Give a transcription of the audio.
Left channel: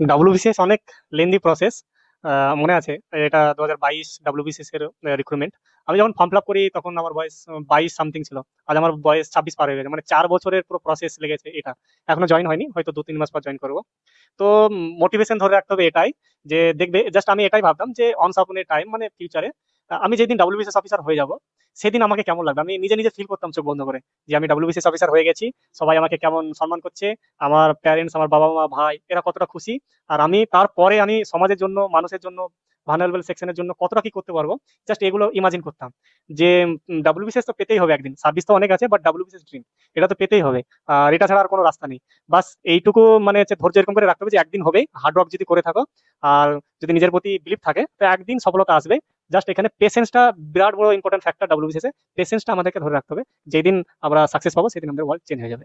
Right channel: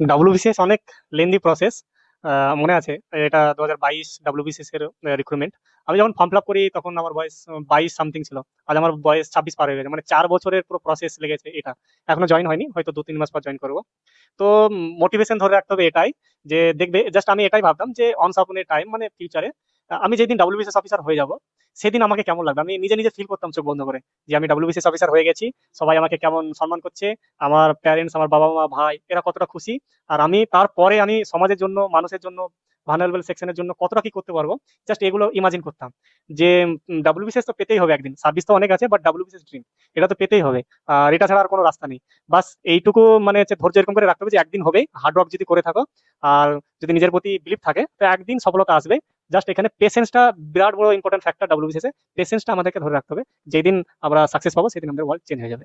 WBCS অনেক lengthy process. মনে আছে, এটা 2022 ডাব্লিউবিসিএস এর রিক্রুটমেন্ট। আমি যখন ফর্ম ফিল আপ করি তখন আমার বয়স 22 সামথিং ছিল। আর আমার বয়স 26 পার হয়ে গেছে, মানে 4 বছরের পুরো প্রসেস লেগেছে এটা। এখনো জয়েন হয়নি, হয়তো 2-3 মাস পর জয়েন করবো। তো মোটিভেশন ধরে রাখতে হবে এটাই, যে দেখবে জাস্ট আমি এটাই ভাবতাম যে অনস আপন এ টাইম, মানে ফিউচারে আমি যেদিন ডাব্লিউবিসিএস অফিসার হয়ে যাব, সেদিন আমাকে কেমন লাগবে আমি নিজে নিজে ফিল করতাম চোখ বন্ধ করে, যে আমি ডাব্লিউবিসিএস অফিসার হয়ে গেছি। সবাই আমাকে কেমন সম্মান করছে, আমার প্যারেন্টস, আমার বাবা মা ভাই এরা কতটা খুশি। আর আমি তারপরে আমি সমাজের জন্য, মানুষের জন্য, ভালনারেবল সেকশনের জন্য কতটা কি করতে পারবো, জাস্ট এগুলো ইমাজিন করতাম। যে ডাব্লিউবিসিএস তো পেতেই হবে একদিন, সার্ভিস তো অনেক আছে বাট ডাব্লিউবিসিএস ড্রিম, এটা তো পেতেই হবে। আর এটা ছাড়া আর কোনো রাস্তা নেই। বাস এইটুকু মানে হচ্ছে ধৈর্য এরকম করে রাখতে হবে যে একদিন হবে, হার্ড ওয়ার্ক যদি করে থাকো আর যদি নিজের প্রতি বিলিভ থাকে তো একদিন সফলতা আসবে। জাস্ট এখানে পেশেন্সটা বিরাট বড় ইম্পর্টেন্ট ফ্যাক্টর ডাব্লিউবিসিএস এ। পেশেন্সটা আমাদেরকে ধরে রাখতে হবে, যেদিন আমরা সাকসেস পাবো সেদিন আমাদের ওয়ার্ল্ড চেঞ্জ হয়ে যাবে।